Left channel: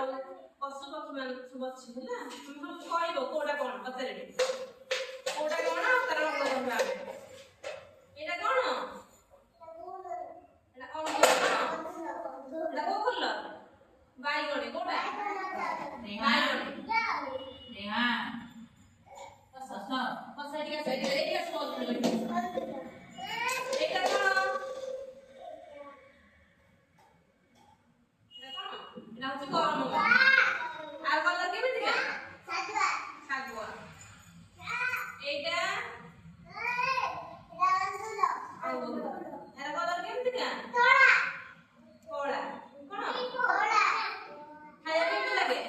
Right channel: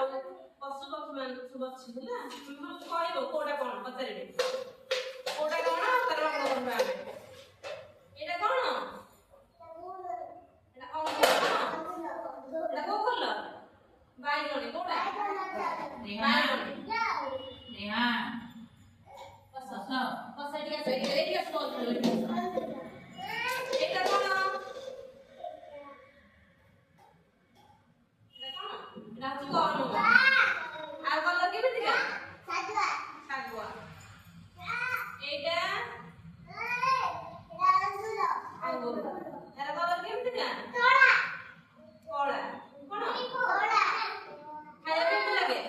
ଆଉ ପଶୁ ପକ୍ଷୀ ମାନେ ସବୁ ଅଛି ହେଲା ତମେ କହିବ କୋଉଟା କଣ ପଚାରିବେ କୋଉଟା କଣ ତାର ରଙ୍ଗ କହିବା ଆମେ ଏଇଟା କଣ ଏଇଟା ଅଙ୍ଗୁର ଏଇଟା କୋଉ ଫୁଲ ବାଇଗଣୀ କୋଉଟା ବାଇଗଣୀ ବସ ଏଠି ଆସ ଏଇଠି ଆସ ଏଇଟା କଣ Nanti kau apa lagi betul? Sagwa. Eda. Anggur. Ada kau lagi betul? Kola. Kola. Kayak betul lagi?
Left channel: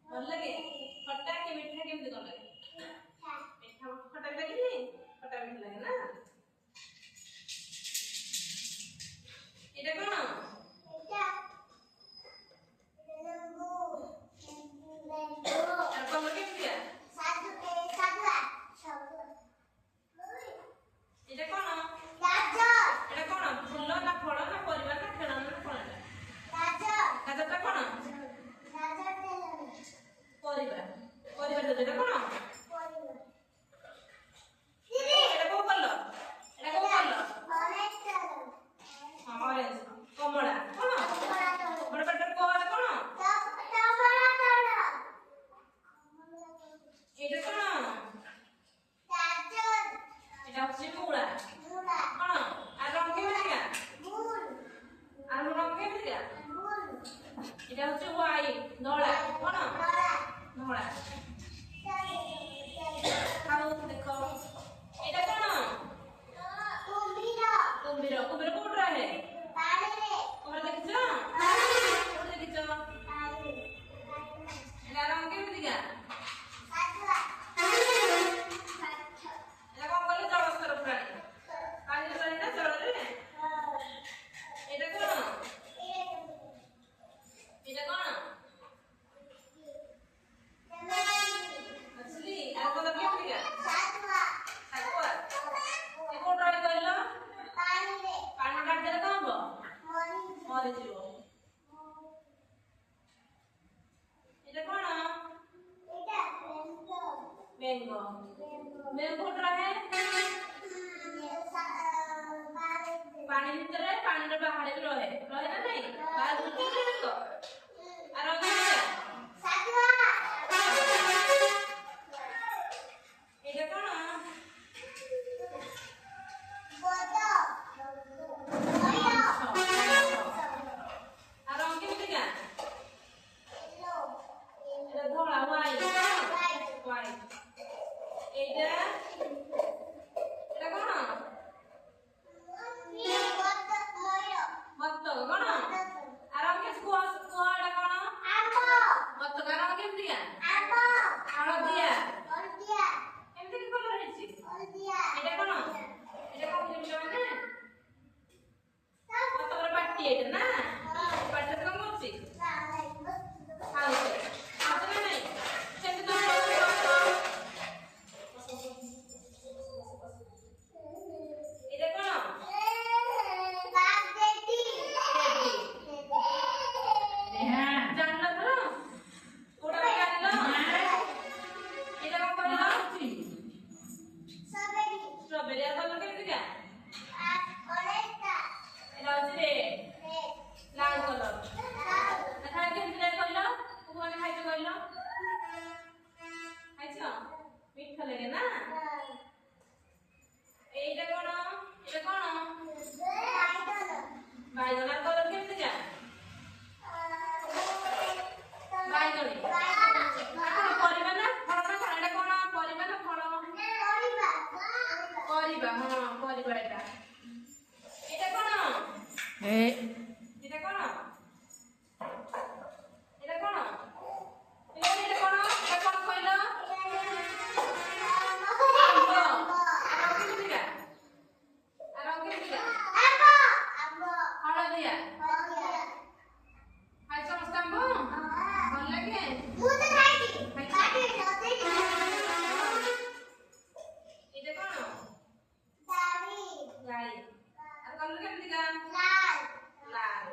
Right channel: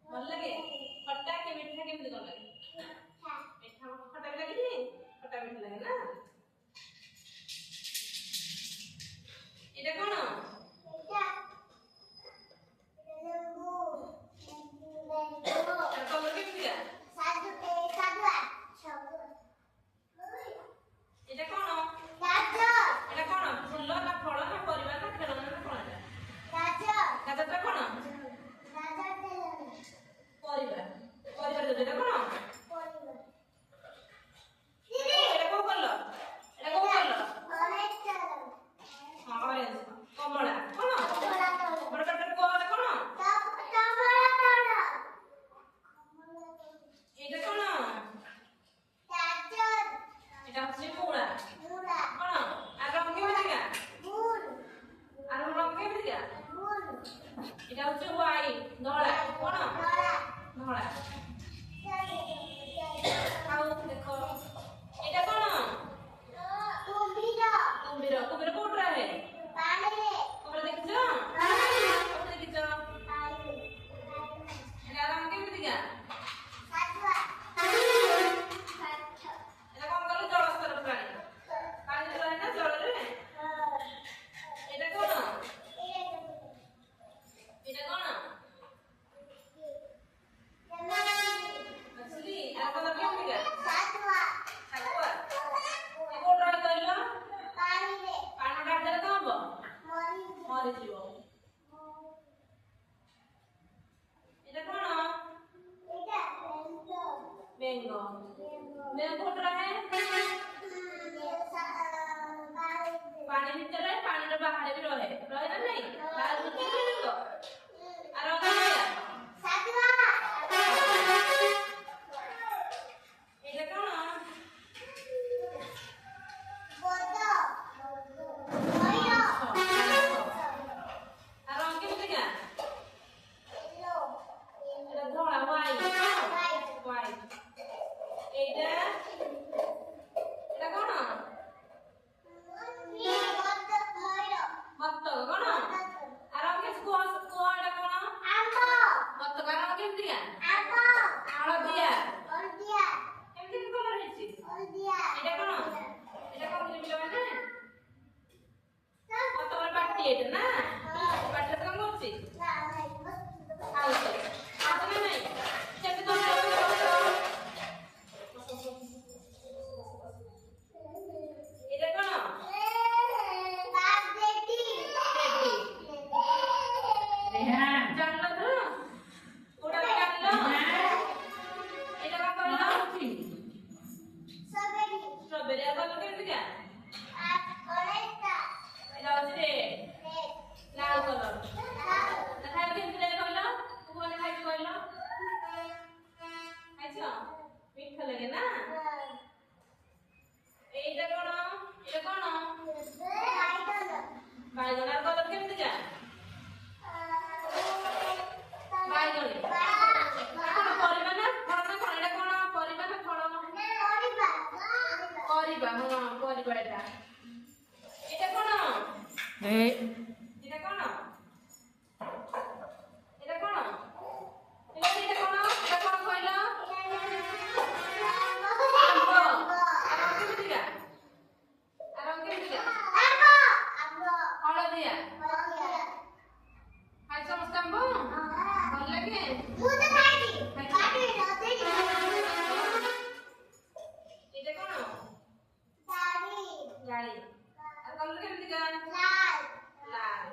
Betul lagi. Kotak ke betul lagi betul lagi? Kotak lagi ni? Kotak betul lagi na? Eda kau na? এটা হচ্ছে white Dhola কোন ধলা খাও দেখো এটা কোন কুম্ভীর কুম্ভীর কুম্ভীর code রহে পানি রে তোমরা দেখছো তোমরা দেখছো পানি এটা রং কেমন দিগা সাতবা এটা কোন বলে জলস্তর প্রাণী পানি রহে না জলে এটা কোন এটা কোন असली आपको तो क्या मिलेगा सातवा सातवा ये कोड रहे कहलो पानी रे पानी डाल दे तो हबो मरि जिवो এটা কোন এটা বেঙ্গো বেঙ্গো কোড रहे पानी ভিতরে পানির বাহারে भी रहे रहे ना नहीं बाहर होती है तो আর সাতवा এটা কোন বড় বড় আর রং কি দিগা ইয়েলো এটা ধলা হোয়াইট হোয়াইট এইটা এটা কোন মত কোন আর রং কি কোয়া এটা কোন আম্ব মত কারণ কি দিগা আম্ব হলদিয়া হলদিয়া এমনি কি কলর হইছে হলদিয়া এটা কোন এটা কোন মিলবে না মত বড় পাটি এটা না পাটি কোন করছি না নাই আউছে আসলে নাই সেটা তো এটা কোন জানলো তো ওটা জানলো এটা কত হলো স্ট্রবেরি স্ট্রবেরি আর কত করে দিগা অরেঞ্জটা এটা হচ্ছে লাল কালার দেখা কেমন দিলে কইলো কোনে খাইছো কইলো খাইছো মিঠা লাগে না এইটা কোন এটা কোন বাইগন আর কত কেমন দিগা বাইগনি এখন পরিবা না ফল না কোন এটা কোন পরিবা না ফল পরিবা হ্যাঁ পরিবা এটা কোন এটা কোন এটা কোন এটা কোন এটা কোন কইলো আর কি দিগা হলদিয়া খাই সমস্ত আম্ব ভাল লাগে এটা কোন গাড়ি আর কলর কেমন দিগা লাল লাল